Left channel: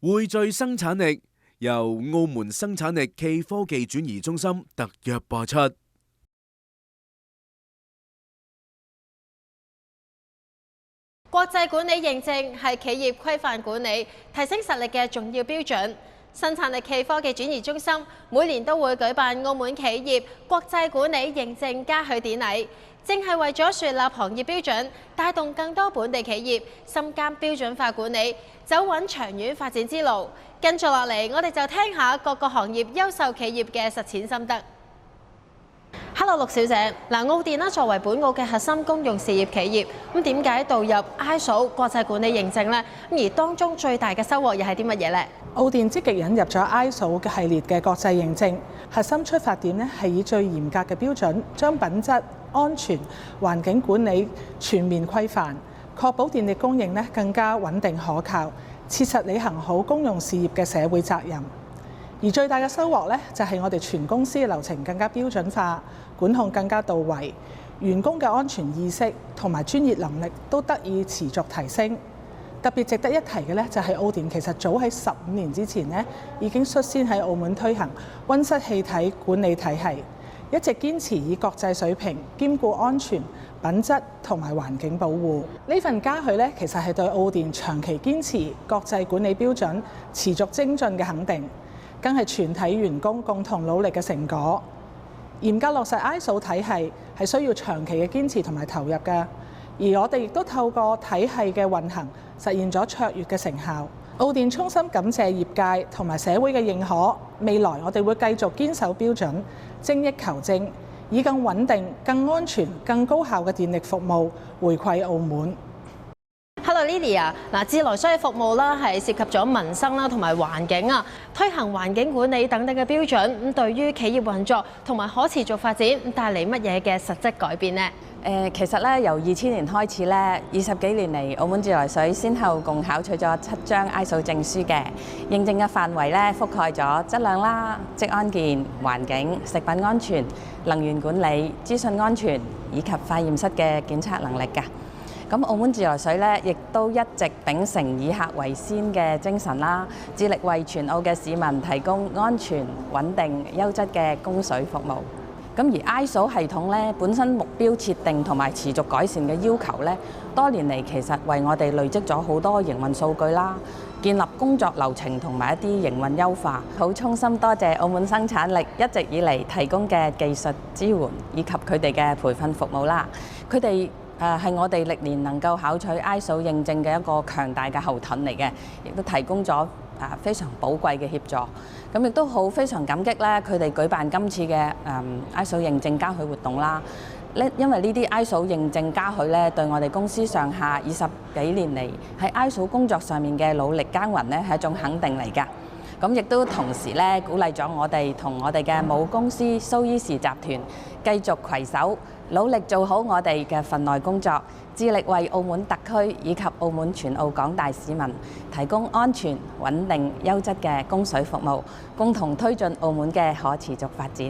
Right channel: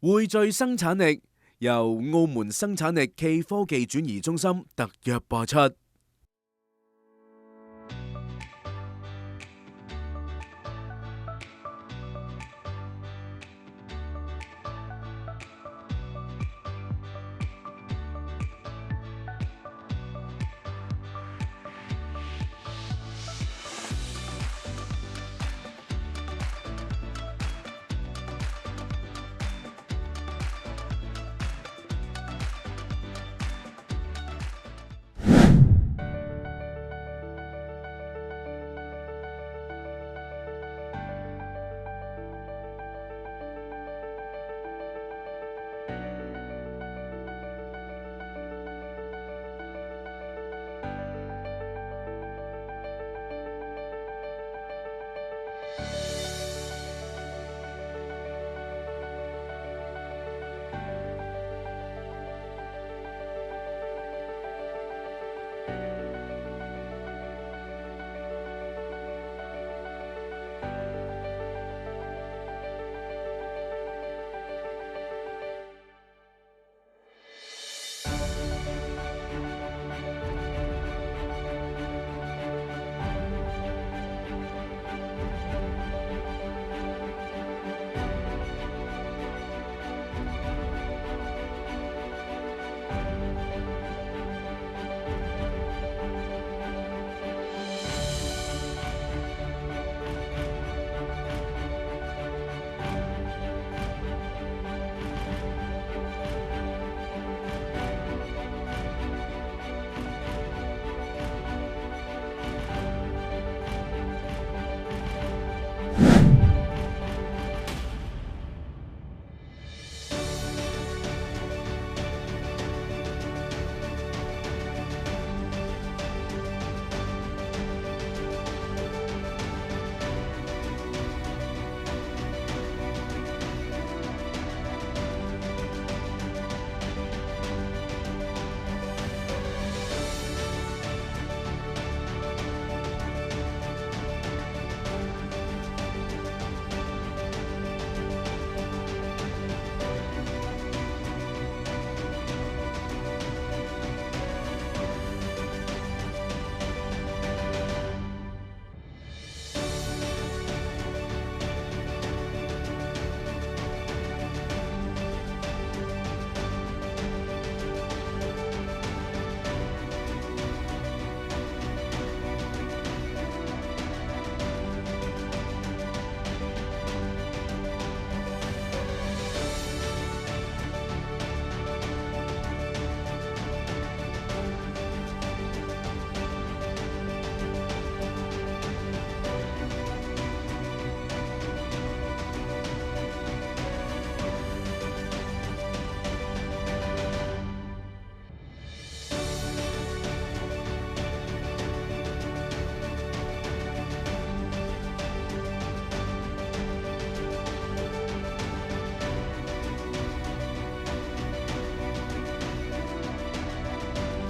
匯聚生產力由澳門生產力暨科技轉移中心特約播出。國際管理認證係企業規範管理、提升實力嘅重要標準。生產力暨科技轉移中心每年都會舉辦澳門企業國際管理認證嘉許典禮，正係為咗樹立行業標準，帶動更多本地企業深耕標準化管理，走穩長遠發展之路。跟住落嚟，我哋就聽下各個行業優秀企業嘅實踐心得。Hello， 陸小姐，澳電啦作為本澳嘅核心公用事業企業，咁點解導入 ISO 國際管理認證呢？而當中最大嘅收穫又係啲乜嘢呢？澳電積極引入咗 ISO 嘅系列嘅國際認證，核心出發點咧係以最嚴格嘅標準，將品質、安全、環境管理全面規範，確保電力供應咧更加穩定可靠，切實履行好公用事業嘅社會責任。而最大嘅收穫咧，就係我哋全公司嘅流程更加標準化，管控更加到位，員工嘅安全意識同埋專業能力都得以持續提升。特別值得一提嘅咧，就係澳電其實早喺15年之前咧，已經率先喺澳門推行溫室氣體管理體系，一直堅持以國際水平兼顧安全、品質同埋環境保護。呢份嘉許咧，其實係對澳電長期堅持國際管理標準、持續精進嘅肯定，更係全體員工共同努力嘅成果。嚴格落實 ISO 體系係需要長期嘅堅持同埋投入㗎，而我哋亦都透過體系嘅運行，實現咗卓越嘅成效。澳電衷心感謝業界同埋社會嘅認可，未來我哋會繼續堅守標準，精益求精，以更穩定、更安全、更高效嘅電力服務回饋澳門。Hello Lydia， 自來水嘅服務啦，係涉及咗民生啦同埋環境啊，推行環境管理等等嘅標準，咁對於企業運作同埋可持續發展帶嚟乜嘢嘅實質改變呢？其實咧由2000年開始咧，20幾年嚟，澳門自來水先後共考取咗7張 ISO 證書嘅，認證嘅範圍咧覆蓋咗質量啦、職安健、環境、食品安全、能源管理、資訊安全以及化驗室嘅檢測能力㗎。咁澳門自來水咧，亦都一直秉承以客為先嘅精神啦，致力為全澳嘅市民提供安全、穩定、優質嘅供水服務。咁而 ISO 系統咧本身目標設定同埋持續改善嘅要求咧，多年嚟其實為我哋累積咗好多營運數據啦，建立工作流程同埋一啲營運優化。好衷心多謝澳門生產力一直以嚟提供嘅技術支援以及佢哋嘅培訓服務啦。佢哋係我哋歷年能夠考取 ISO 認證嘅一個強大嘅後盾嚟嘅，亦都提供咗非常寶貴嘅協助。咁亦都非常感激咧，佢哋舉辦今次嘅ISO 認證嘉許活動啦。因為呢啲 ISO 認證嘉許咧，對我哋公司上下20幾年嚟喺 ISO 工作上面嘅努力耕耘咧，係一種肯定嚟㗎。咁亦都同時咧，鼓勵咗我哋同我哋嘅母公司蘇伊士集團繼續攜手，努力做好我哋嘅份內工作，致力為澳門特區以及澳門全澳廣大市民提供安全、穩定、優質嘅供水服務，共同推進澳門嘅可持續發展。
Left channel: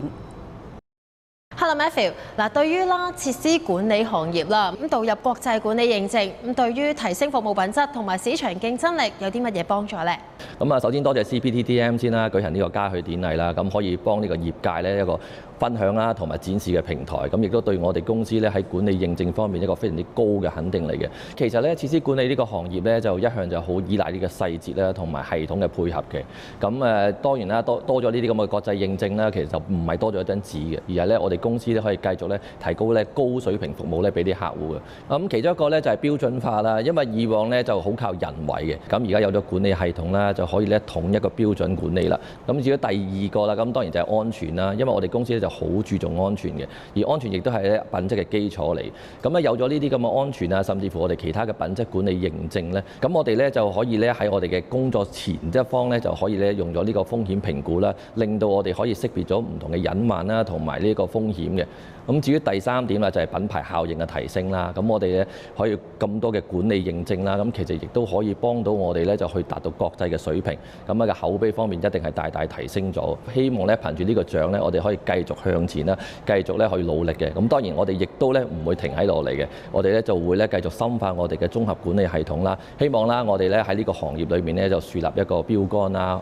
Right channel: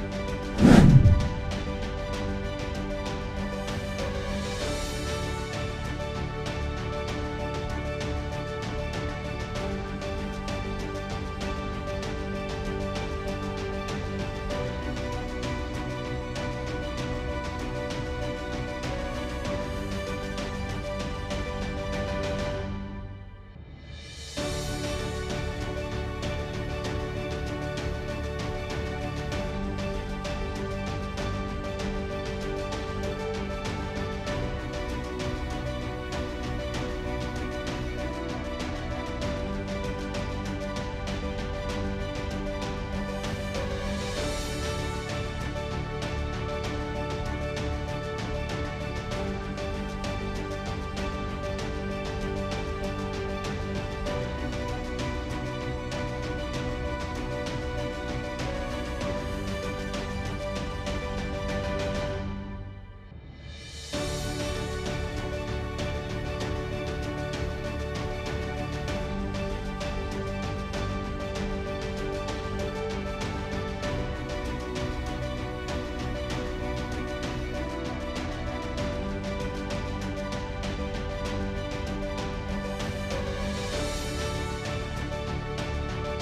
Hello Matthew， 對於設施管理行業啦，咁導入國際管理認證，咁對於提升服務品質同埋市場競爭力有啲乜嘢幫助呢？咁首先多謝 CPTDM 先啦，舉行呢個嘉許典禮啦，咁可以幫呢個業界咧一個分享啦，同埋展示嘅平台，咁亦都對我哋公司咧喺管理認證方面一個非常之高嘅肯定嚟嘅。其實咧，設施管理呢個行業咧就一向就好依賴呢個細節啦，同埋系統嘅配合嘅。咁當然啦，多咗呢啲咁嘅國際認證啦，其實就唔係多咗一張紙嘅，而係咧我哋公司咧可以繼續咧提高咧高水平服務咧俾啲客戶嘅。咁其中一個咧就係標準化啦，因為以往咧就好靠人為嘅，咁而家有咗管理系統啦，就可以咧統一個標準管理啦。咁至於第二個啦，咁當然就係安全啦，因為我哋公司咧就就好注重安全嘅，而安全亦都係咧品質嘅基礎嚟。咁咧有咗呢啲咁嘅安全啊，甚至乎我哋其他嘅品質管理認證咧，咁我哋咧就可以咧喺我哋嘅工作前一方咧就可以咧用咗呢個風險評估啦，令到我哋可以識別咗唔同嘅隱患啦，同埋呢個風險嘅。咁至於第三點啦，就係品牌效應嘅提升啦。咁我哋咧可以咁多嘅管理認證啦，咁其實亦都可以幫到我哋咧就去達到國際嘅水平。咁嘅口碑方面一定係大大提升咗。希望咧憑住呢個獎咧，我哋可以繼續向前啦，繼續咧去努力嘅。咁當然我哋亦都咧唔會停喺落嚟嘅，我哋咧就會咧繼續深化我哋嘅綜合管理系統啦。希望啦，我哋咧喺呢個行業裏面咧就樹立一個標杆啦，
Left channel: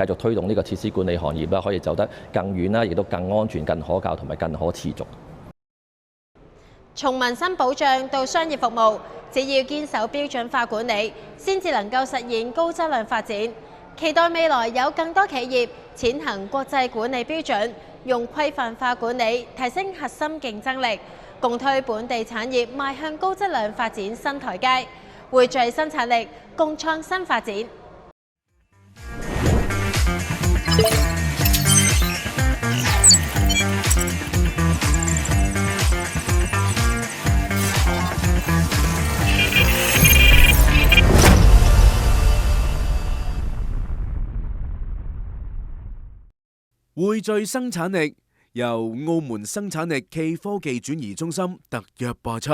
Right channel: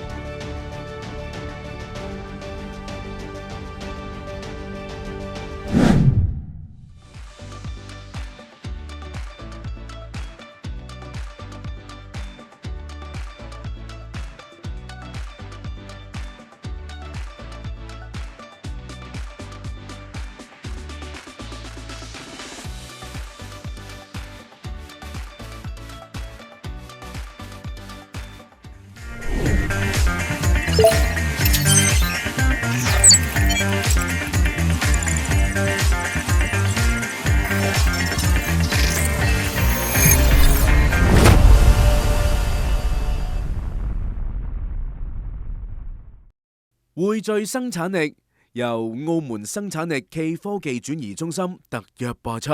繼續推動呢個設施管理行業啦，可以走得更遠啦，亦都更安全、更可靠同埋更可持續。從民生保障到商業服務，只要堅守標準化管理，先至能夠實現高質量發展。期待未來有更多企業踐行國際管理標準，用規範化管理提升核心競爭力，共推本地產業邁向高質量發展新台階，匯聚生產力，共創新發展。匯聚生產力，由澳門生產力暨科技轉移中心特約播出。